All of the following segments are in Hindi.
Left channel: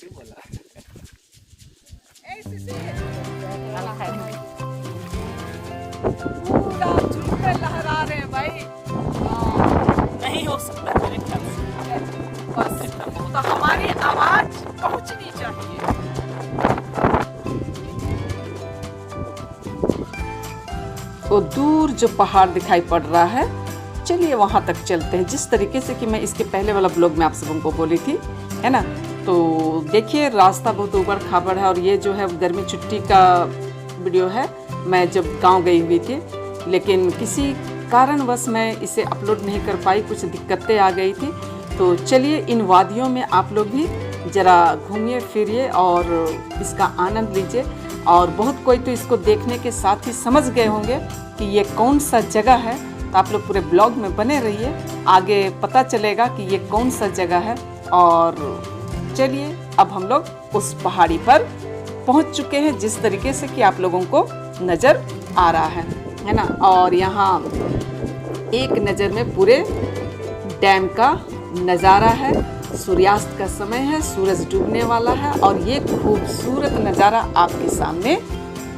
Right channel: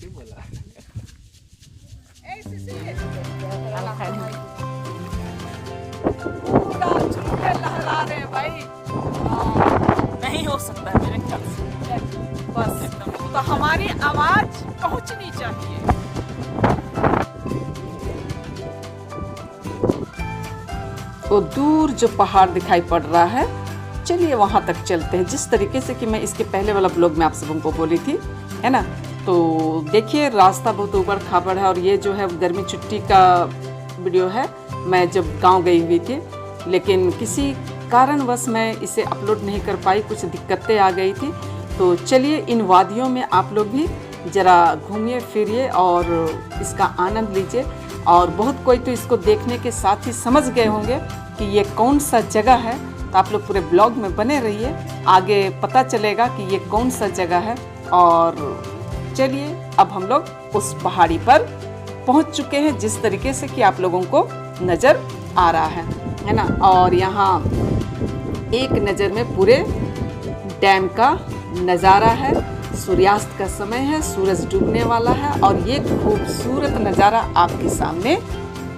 पूरा झूठे लहरा रहे हैं भाई। नहीं हो सकता मेरे ख्याल से। बस तो हमारी आवाज पहुंचनी चाहिए। तो दूर जो पहाड़ दिखाई पड़ रहा है, चलिए वहां तक चलते हैं। जिस तरीके से कि मैं इसके पहले वाला ब्लॉग में आप सबों को बोली थी, है ना। तो देखिए रास्ता बहुत ऊबड़ खाबड़ है और ये जो है गर्मी छुट्टी का वीडियो है। मैं जब गांव गई हुई थी, लेकिन किसी कारणवश मैं इसे अपलोड नहीं कर पाई, कुछ दिक्कतें आ गई थी। तो चलिए इन वादियों में आप लोग भी ज़रा घूमिए फिरिए और इसका आनंद लीजिए। और बहुत कोई तो इसको देखने के साथ ही समझ गए होंगे कि ये कौन सा जगह है। तो आप लोग पूरे ब्लॉग में बने रहिए, आगे पता चलेगा कि ये कौन सा जगह है। और चलिए अब हम लोग उस पहाड़ी पर पहुंच चुके हैं, जिस तरीके से कि आप लोगों को नज़र आ रहा है ना। और यहाँ एक नज़र में पूरे डैम का नज़ारा है। सूर्यास्त का समय है, सूरज डूबने वाला है और ये खूबसूरत नज़ारा आपके सामने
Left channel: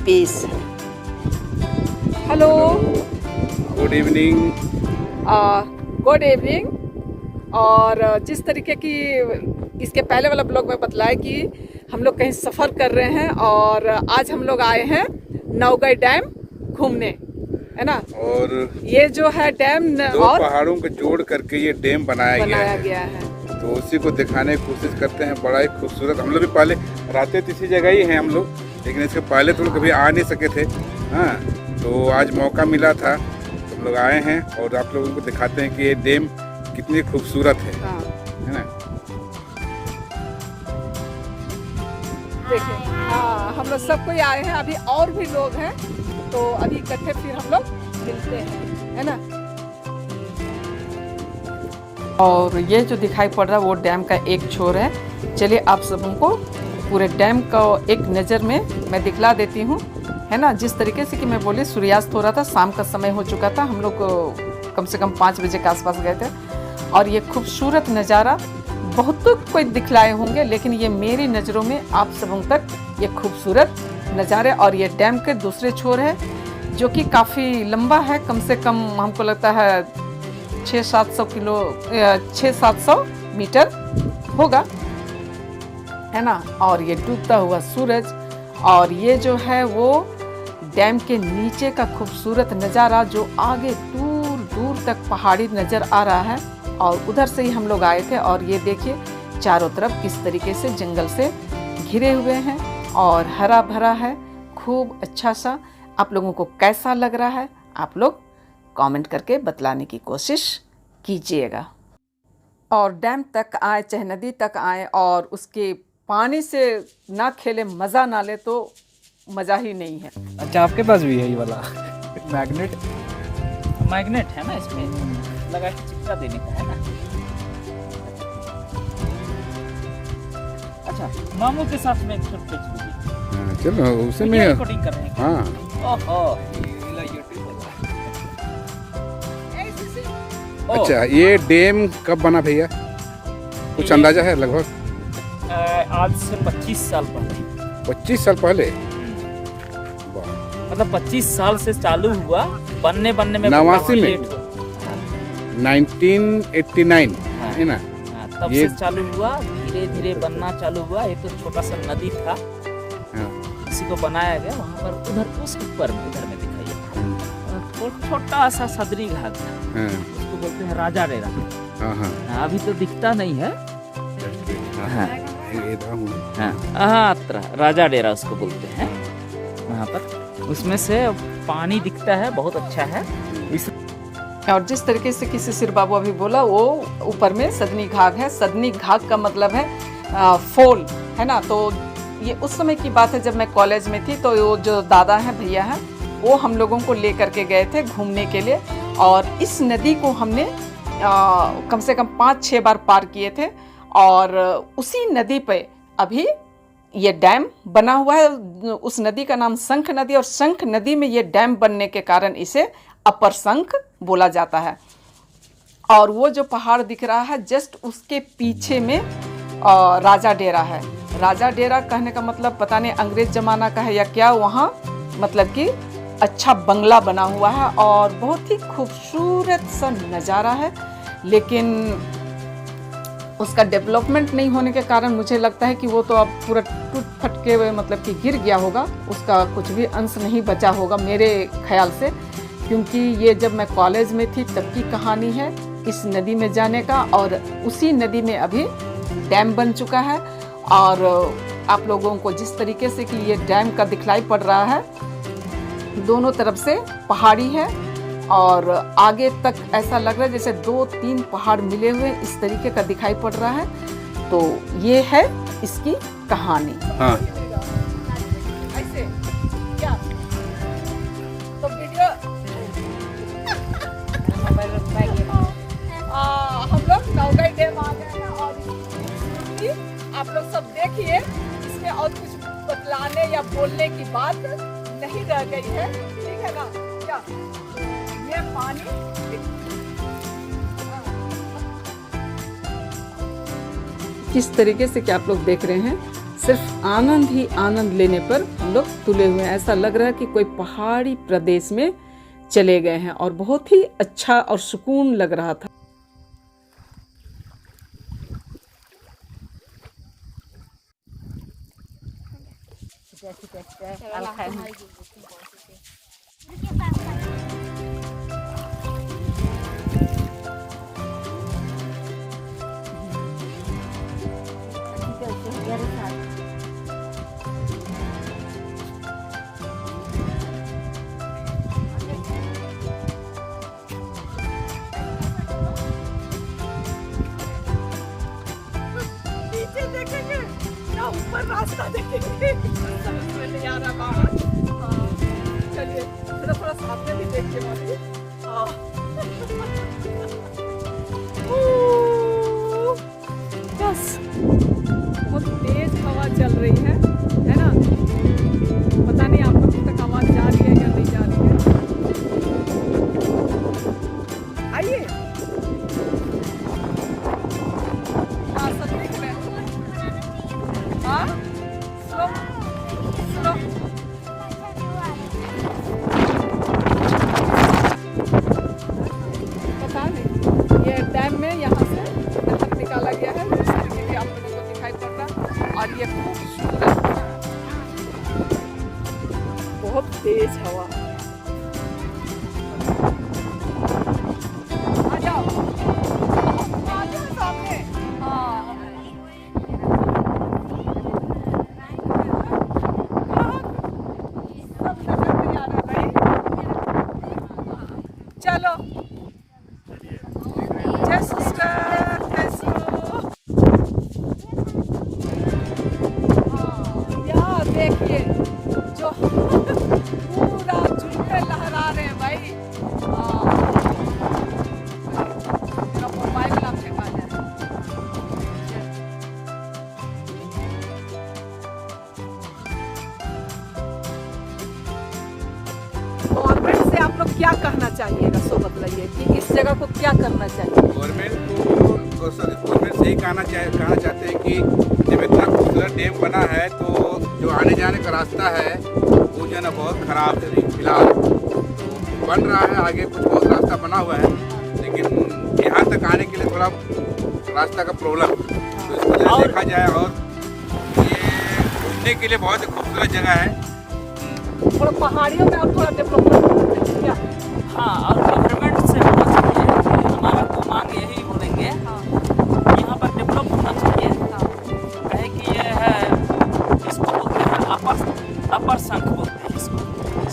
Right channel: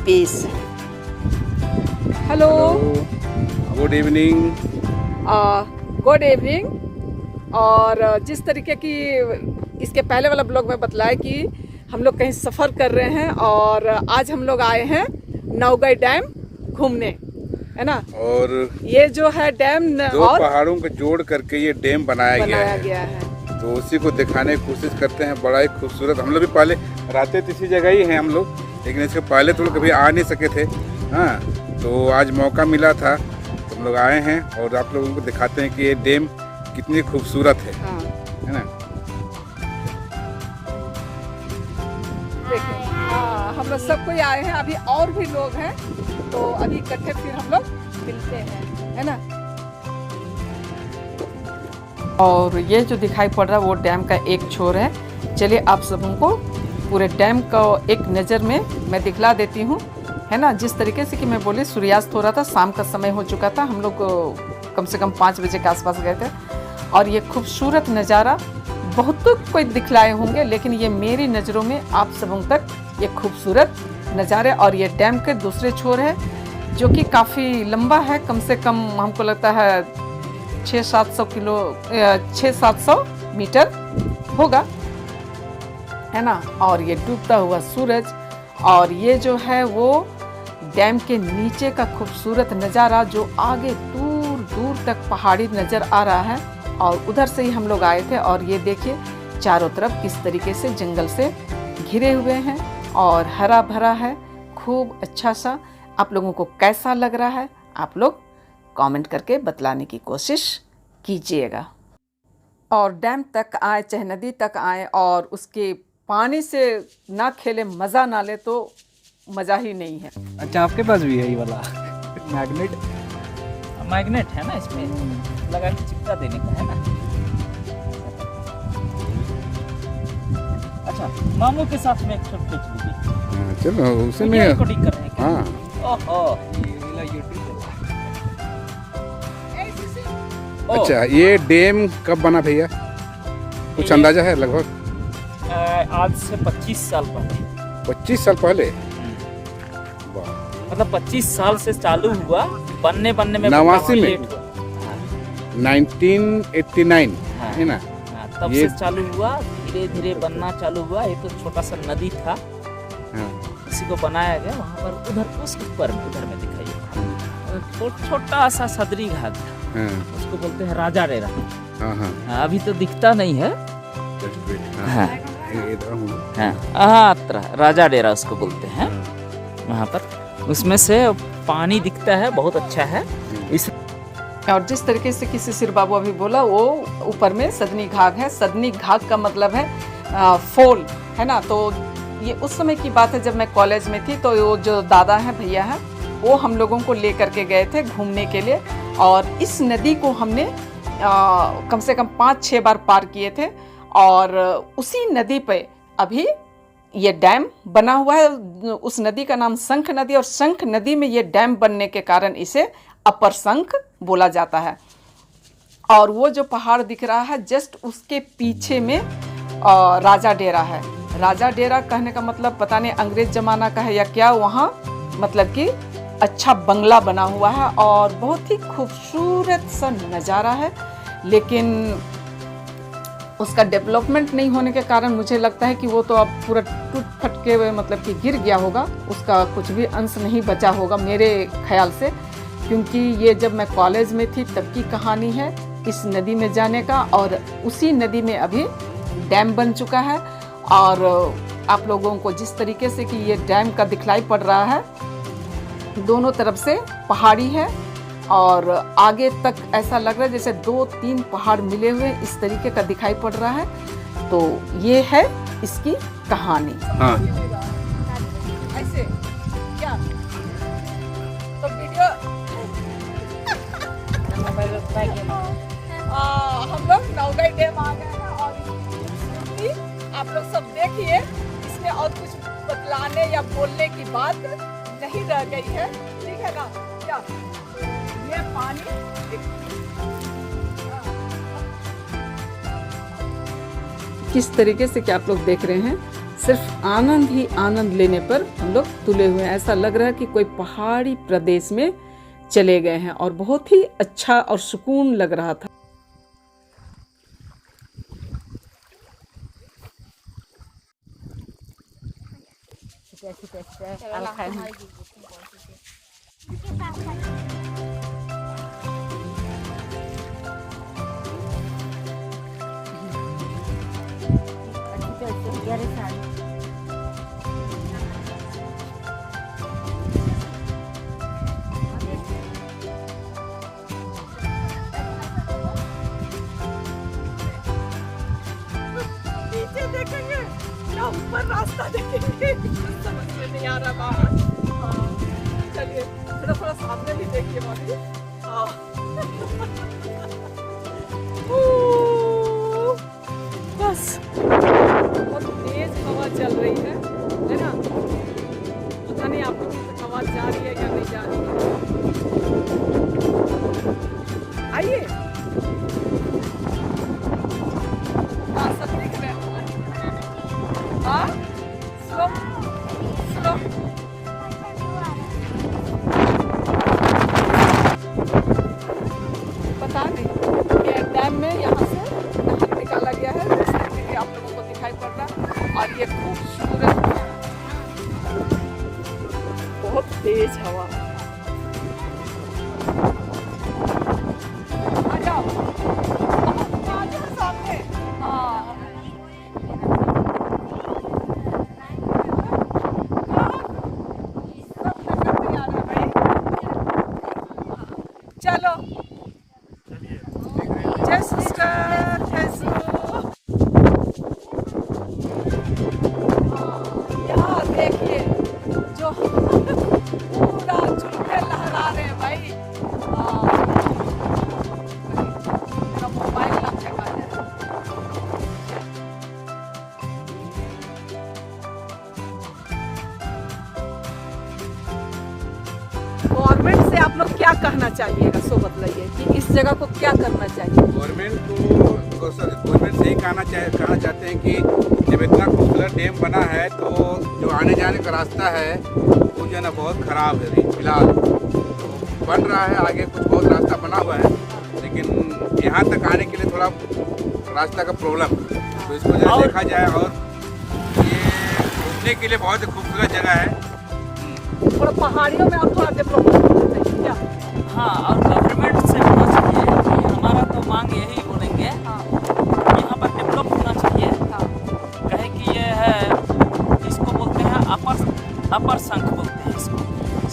पेश है। Hello, good evening. Good evening. और जिस तरीके की इसके पहले वाला ब्लॉग में बतलाया कि हम लोग कहीं सफ़र कर रहे हैं और आज हम लोग आए हैं नौगई डैम घूमने, है ना। और ये जो है डैम दो पहाड़ों को जोड़ करके ये डैम बनाया गया है। तो उसी को दिखाने की कोशिश करते हैं। बड़ा ही खूबसूरत। हम लोग भी पहले रहते तो इसी जगह ही हैं हम लोग, लेकिन इसके पहले तो कभी आ नहीं सके थे। हाँ, तो आज मौका मिला था तो हम लोग आए हैं और आप लोगों को दिखाते हैं कि ये डैम कितनी खूबसूरत है ना। हाँ, हम लोग सब कोई आए हैं, अभी और भी लोग हैं, तो अभी इकट्ठे फिर हम लोग मिलते हैं, है ना। और ये जो दिखाई पड़ रहा है वो डैम का एक छोर है। चलिए आप सबों को पूरे डैम का एक नज़र में मैं दिखला देती हूँ, है ना। जिस तरीके से कि मैं बोली सूर्यास्त हो रहा था, शाम का समय हो चुका था। हम लोग कम से कम 5 बजे के आसपास गए थे और ये खूबसूरत नज़ारा बहुत कोई दिखलाए होंगे, लेकिन ये मेरी नज़रों में आप सबों तक ये खूबसूरत नज़ारे। और ये डैम के दूसरे छोर है जो कि काफ़ी लंबा है, कम से कम हमको लगता है 600-700 मीटर होगा, है ना। और ये डूबता हुआ सूरज और ये जो है वो डैम के नीचे का खूबसूरत नज़ारा जो आगे दूर दूर तक पहाड़ी नज़र आ रहा है। और उधर से ही हम लोग आए थे और ये देखिए चारों तरफ किस तरीके से जंगल से घिरे हुए हैं और हरा भरा है, खूब अच्छा सा। आप लोगों को कैसा लग रहा है आप लोग कमेंट करके बतलाने की कोशिश कीजिएगा। और डैम तक आए चाहे नदी तक आए और उसके पानी से ना खेले, मज़ा ना ले तो मज़ा ही नहीं है। अच्छा, आपके पास भी है ये वाला मैग्नेट? मैग्नेट है ना इसमें, लगा के चिपका देने का है ना। अच्छा, मामू के साथ में एक शॉट खींच लीजिए। चलो उसे में रिकॉर्डिंग कर रहे हैं। हाँ, ओहो। अच्छा ये डैम कब बना भैया, कुछ अंदाजा है लगभग? आज से 25 साल पहले। 25 साल पहले? वाह। मतलब 25 साल से चालू हुआ, बनने में 89 में, लेट हुआ। 1989 है ना। तब ये से चालू हुआ, धीरे धीरे बनना चालू हुआ। ये तो छोटा सा नदी था, उसी को बनाया गया। वहाँ पर उधर उस ऊपर में उधर में दिखाई छोटा सा सदरी घाट, उसको बोलते हैं राजा डेरा। अभी तो दिखता नहीं है। राजा डेरा उसको बोलते हैं। वहाँ पर उसमें से पानी दिखता है, बहुत अच्छा है। और जिस तरीके से किसी सिर बाबू अभी बोला, वो ऊपर में सदनी घाट है। सदनी घाट का मतलब है फॉल, है ना। तो ये उस समय की बात है जब मैं कॉलेज में थी। तो वो जो दादा हैं, भैया हैं, वो हम लोगों को ले करके गए थे घूमने के लिए। और इस नदी को हमने कम से कम 5-6 बार पार किए थे। और उसी नदी पे अभी ये डैम बना हुआ है। उस नदी का नाम शंख नदी, और शंख नदी में ये डैम बनने के कारण इसे अपर शंख बोला जाता है। और वो जो पहाड़ दिख रहा है जस्ट उसके पीछे में राजा डेरा है। राजा डेरा कहने का मतलब पता नहीं अंग्रेज जमाना का है या क्या, वहाँ मतलब कि अच्छा बंगला बना हुआ है और बहुत ही खूबसूरत सा नज़ारा है। लेकिन उसका डेवलपमेंट नहीं होने के कारण मुझे लगता है कि वो तो अब पूरा टूट फट के मतलब कि गिर गया होगा, उसका कुछ भी अंश नहीं बचा होगा मेरे ख्याल से, क्योंकि ये जब मैं कॉलेज में थी तब की कहानी है इस नदी में जाने का। और उसी नदी में अभी डैम बन चुका है और आप लोगों को जिस तरीके से कि ये डैम का दिखलाई पड़ रहा है, दोनों तरफ से पहाड़ी है और आगे तक ऐसा लग रहा है जैसे 2-3 पहाड़ मिले हुए इस तरीके का दिखाई पड़ रहा है। तो ये है इसकी कहानी। हाँ ऐसे क्या तो वीडियो हम लोग नौगाई डैम आ गए हैं और इसकी आप लोग सब देखिए, इसमें और कुछ बतलाने या बोलने की बात नहीं रह गई है, ठीक है ना। क्या ये पानी किस तरीके से क्या आप लोग देख रहे हैं, सिर्फ आनंद ही आनंद लेने पर हम लोग तुले हुए हैं। ऐसा लग रहा है कि कोई पहाड़ी प्रदेश में चले गए हैं और बहुत ही अच्छा और सुकून लग रहा था। नीचे देखेंगे या ऊपर रास्ता देखेंगे, समझ में नहीं आ रहा मामा। हाँ, चलिए थोड़ा सामने भी देखिए मामी। हाँ। बस बहुत तेज हवा चल रही है ना। पता नहीं आप लोगों तक आवाज जा रही है या नहीं जा रही है। आइए सब देख रहे हैं। हाँ स्लो स्लो पता नहीं ये डैम में यहाँ से निकाला गया है, इसलिए आप लोगों को दिखाई पड़ रहा। और ये खूबसूरत बहुत तेज हवा। आ जाओ आ जाओ सामने। हाँ चलो जय सिस्टर कैसे हो। यहाँ देखिए जो पूरा झुंडे लहरा रहे हैं भाई। मेरा मोबाइल ना फेंका जाए। गवर्नमेंट से आप लोग क्या कहना चाहिएगा, सो बताइए कि इस जगह को क्या करना चाहिए। गवर्नमेंट से ही कहना चाहते हैं कि जब इतना खूबसूरत डैम बना है तो जो आने जाने का रास्ता है वो जो है ना बहुत ख़राब है फिलहाल। तो बन रहा है, आगे कुछ बहुत रास्ता बना हुआ है, लेकिन यहाँ तक आने के लिए थोड़ा रास्ता का प्रॉब्लम। तो इस वजह से देखा जाए और ये घूमने के लिए बहुत ही खूबसूरत जगह है। थोड़ा पहाड़ियों में आप थोड़ा डेवलपमेंट क्या। हाँ और गवर्नमेंट से होना चाहिए, हमारा तो मांग यही बोलेंगे यहाँ पर डेवलप होना चाहिए। कहे कि ये है इसको बोलते हैं अपर शंख बोलते हैं इसको।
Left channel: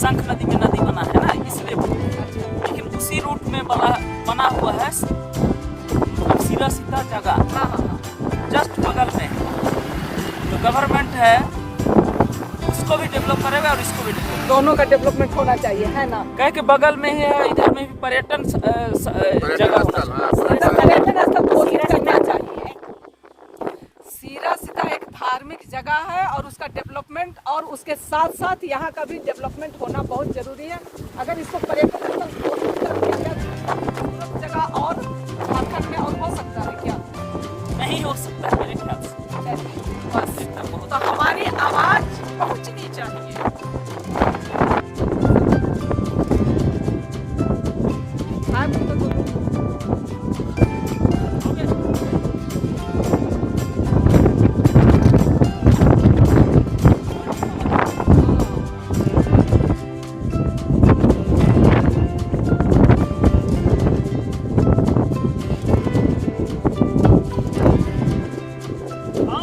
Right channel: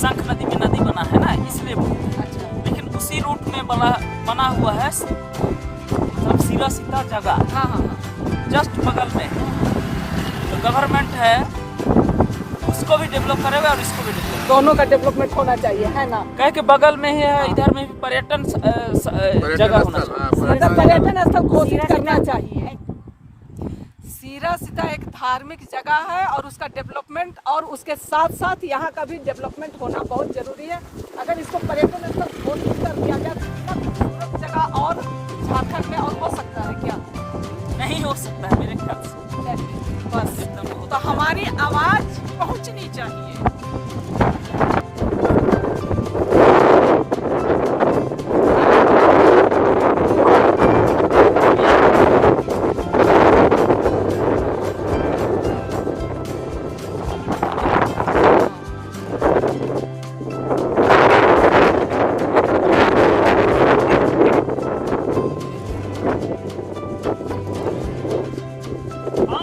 शंख नदी में नदी बना है ना इसलिए बोलते हैं, लेकिन उसी रूट में बना हुआ है सीधा जगह जस्ट बगल में। तो गवर्नमेंट है उसको भी डेवलप करेगा और इसको भी डेवलप, दोनों का डेवलपमेंट होना चाहिए है ना। कहे कि बगल में ही है, इधर में भी पर्यटन जगह होना चाहिए। पर्यटन स्थल घोषित करना चाहिए। सीरस का एक धार्मिक जगह है और उसका डेवलपमेंट और उसके साथ साथ यहाँ का भी डेवलपमेंट होना बहुत जरूरी है। अगर इसको पर्यटन स्थल घोषित कर दिया जाए जगह और झारखंड में और हो सकता है क्या? नहीं हो सकता है मेरे ख्याल से। बस हमारी आवाज पहुंचनी चाहिए।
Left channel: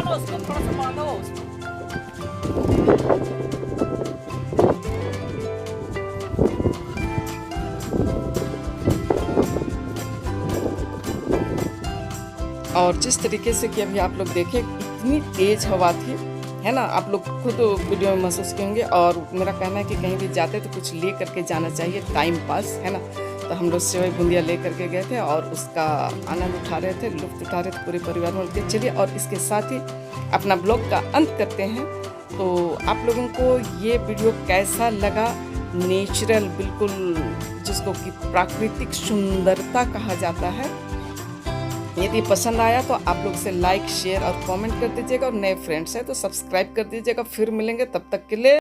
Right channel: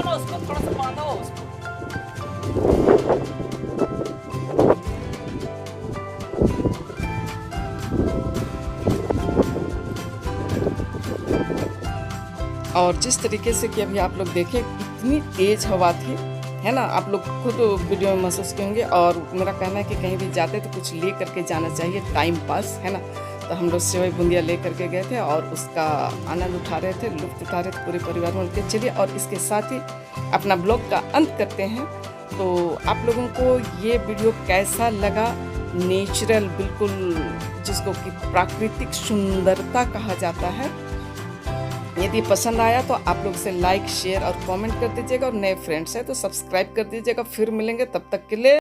उसको थोड़ा सा बांधो। और जिस तरीके से कि अभी आप लोग देखें इतनी तेज हवा थी, है ना, आप लोग खुद वीडियो में महसूस करेंगे। और मेरा कहना है कि कहीं भी जाते तो कुछ ले करके जाना चाहिए, टाइम पास, है ना। तो हम लोग सेवई बूंदिया ले करके गए थे और उसका आनंद उठा रहे थे, लुत्फ उठा रहे थे पूरे परिवार में मिलकर। चलिए और इसके साथ ही अपना ब्लॉग का अंत करते हैं। तो आप लोगों को ये वीडियो कैसा लगा, नेचुरल बिल्कुल जिसको कि प्राकृतिक सुंदरता कहा जाता है, यदि पसंद आया तो आप लोग से लाइक शेयर और कमेंट कर दीजिएगा। और नए फ्रेंड्स हैं तो सब्सक्राइब कर दीजिएगा। फिर मिलेंगे, तब तक के लिए